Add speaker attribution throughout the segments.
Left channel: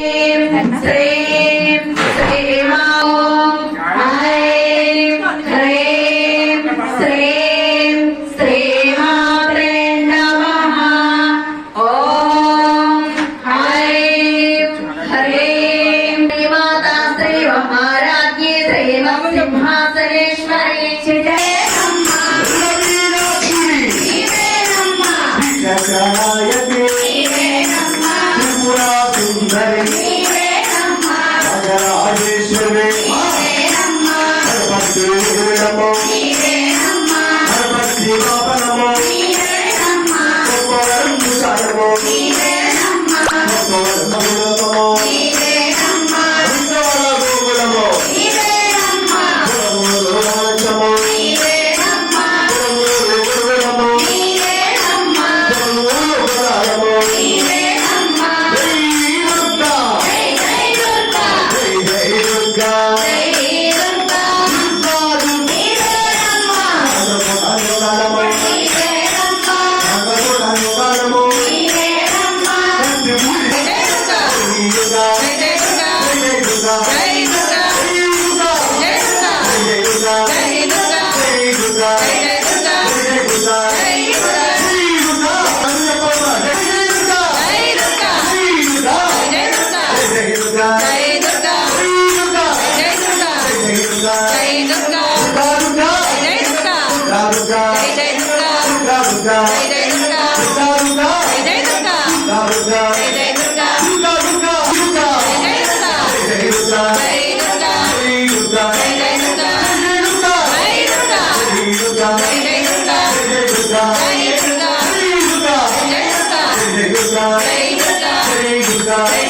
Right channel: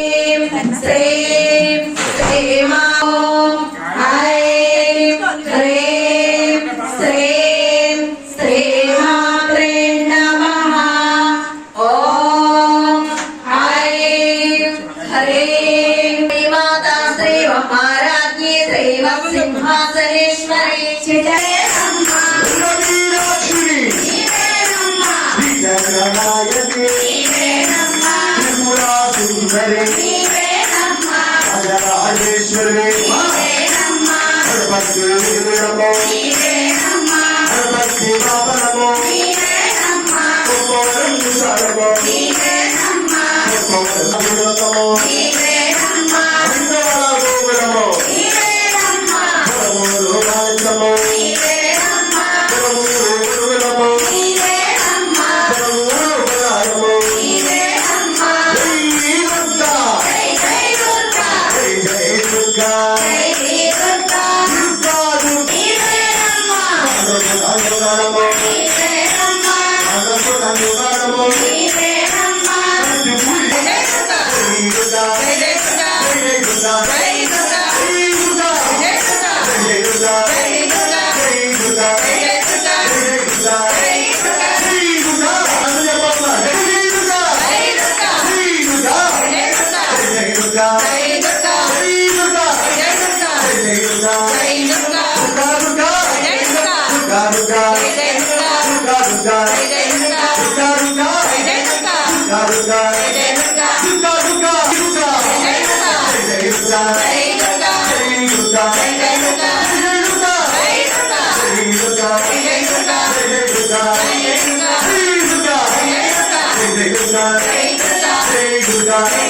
Speaker 1: Shri Mataji, Shri Mataji, Shri Mataji, Shri Mataji, Shri Mataji, Shri Mataji, Shri Mataji, Shri Mataji, Shri Mataji, Shri down. Durga Durga Durga Durga Durga
Speaker 2: Durga
Speaker 1: Durga
Speaker 2: Durga
Speaker 1: Durga
Speaker 2: Durga
Speaker 1: Durga
Speaker 2: Durga
Speaker 1: Durga
Speaker 2: Durga
Speaker 1: Durga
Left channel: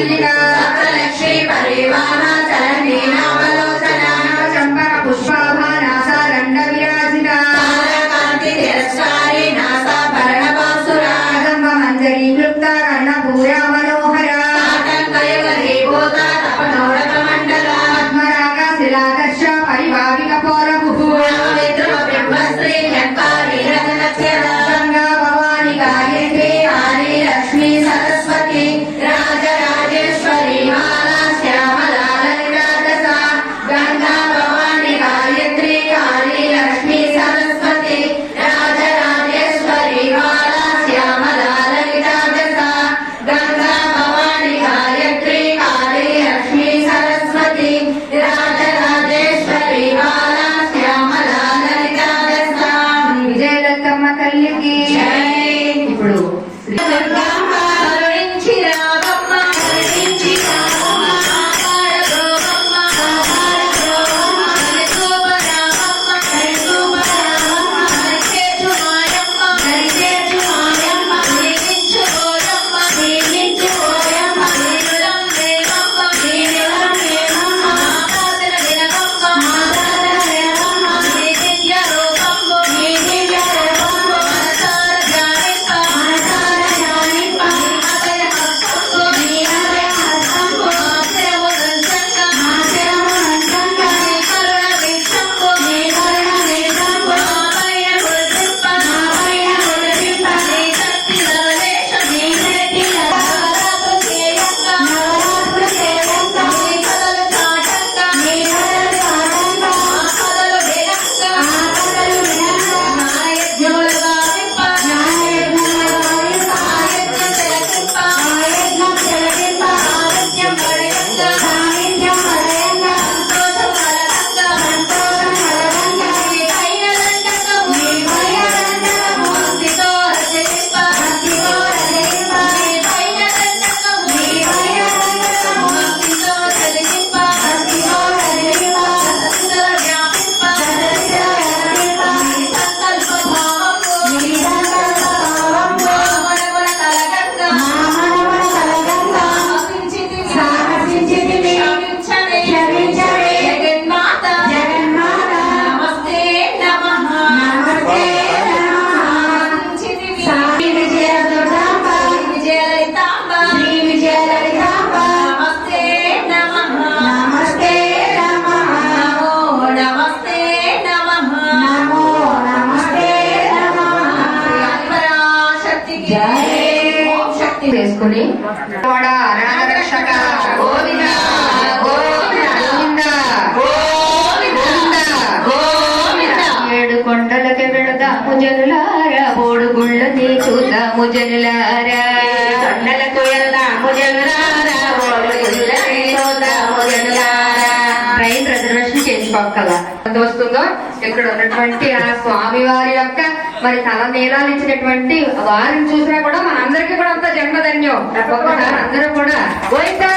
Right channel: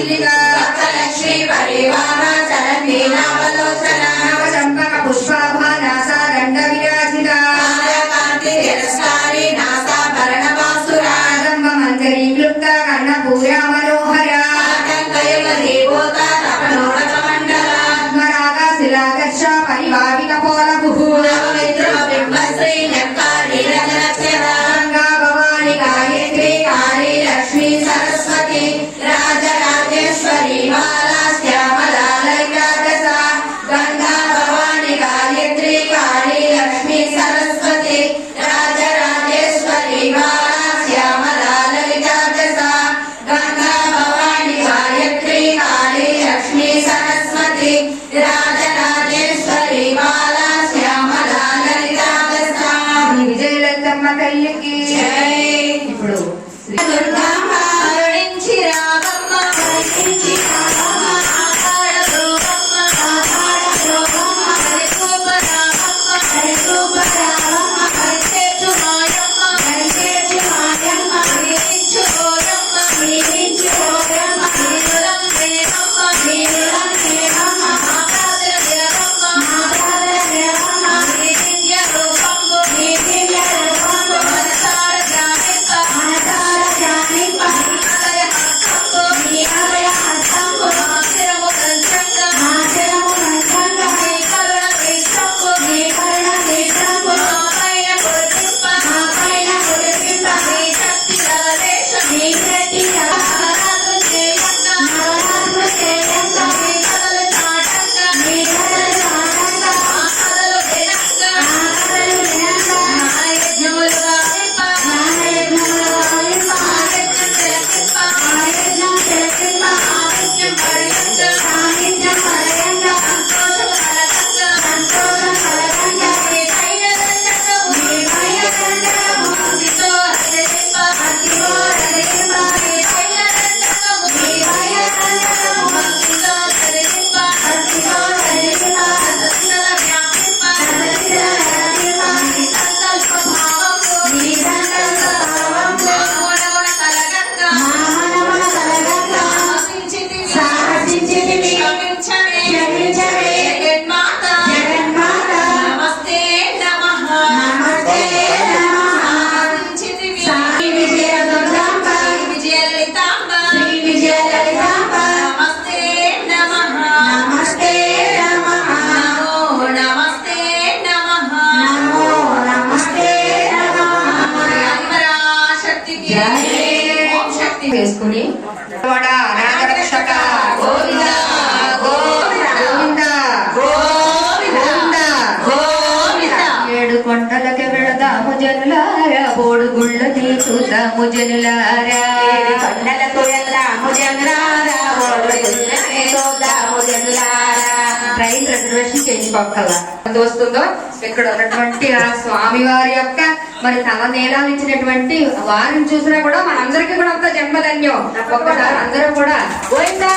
Speaker 2: చుల్లిగా Lakshmi పరివాహ చరణీ నామలోచన చంపక పుష్పాభ NASA దండ విరాజిత కాంతి తిరస్కారి NASA
Speaker 1: పరణమాసుర వేసుకుని వడ నాగరక్షక గోవింద గోవింద గోవింద గోవింద ఏడు కొండలకి వెళదాము జనులారా బోడు గుళ్ళని చూద్దాము జనులారా. కొండలకు వెళ్దాము జనులారా బోడు గుళ్ళని చూద్దాము జనులారా. ట్రైన్ రిజర్వేషన్ ఎంత వస్తుందో? ఇక్కడ ఉన్నటువంటి ఆ స్వామి వారి యొక్క మరి తల నీలాలు ఇచ్చినటువంటి వారిని చూసినా కూడా మనందరికీ కూడా అంత జన్మధన్యం. ఒక్కసారి అందరూ కూడా గోవిందా!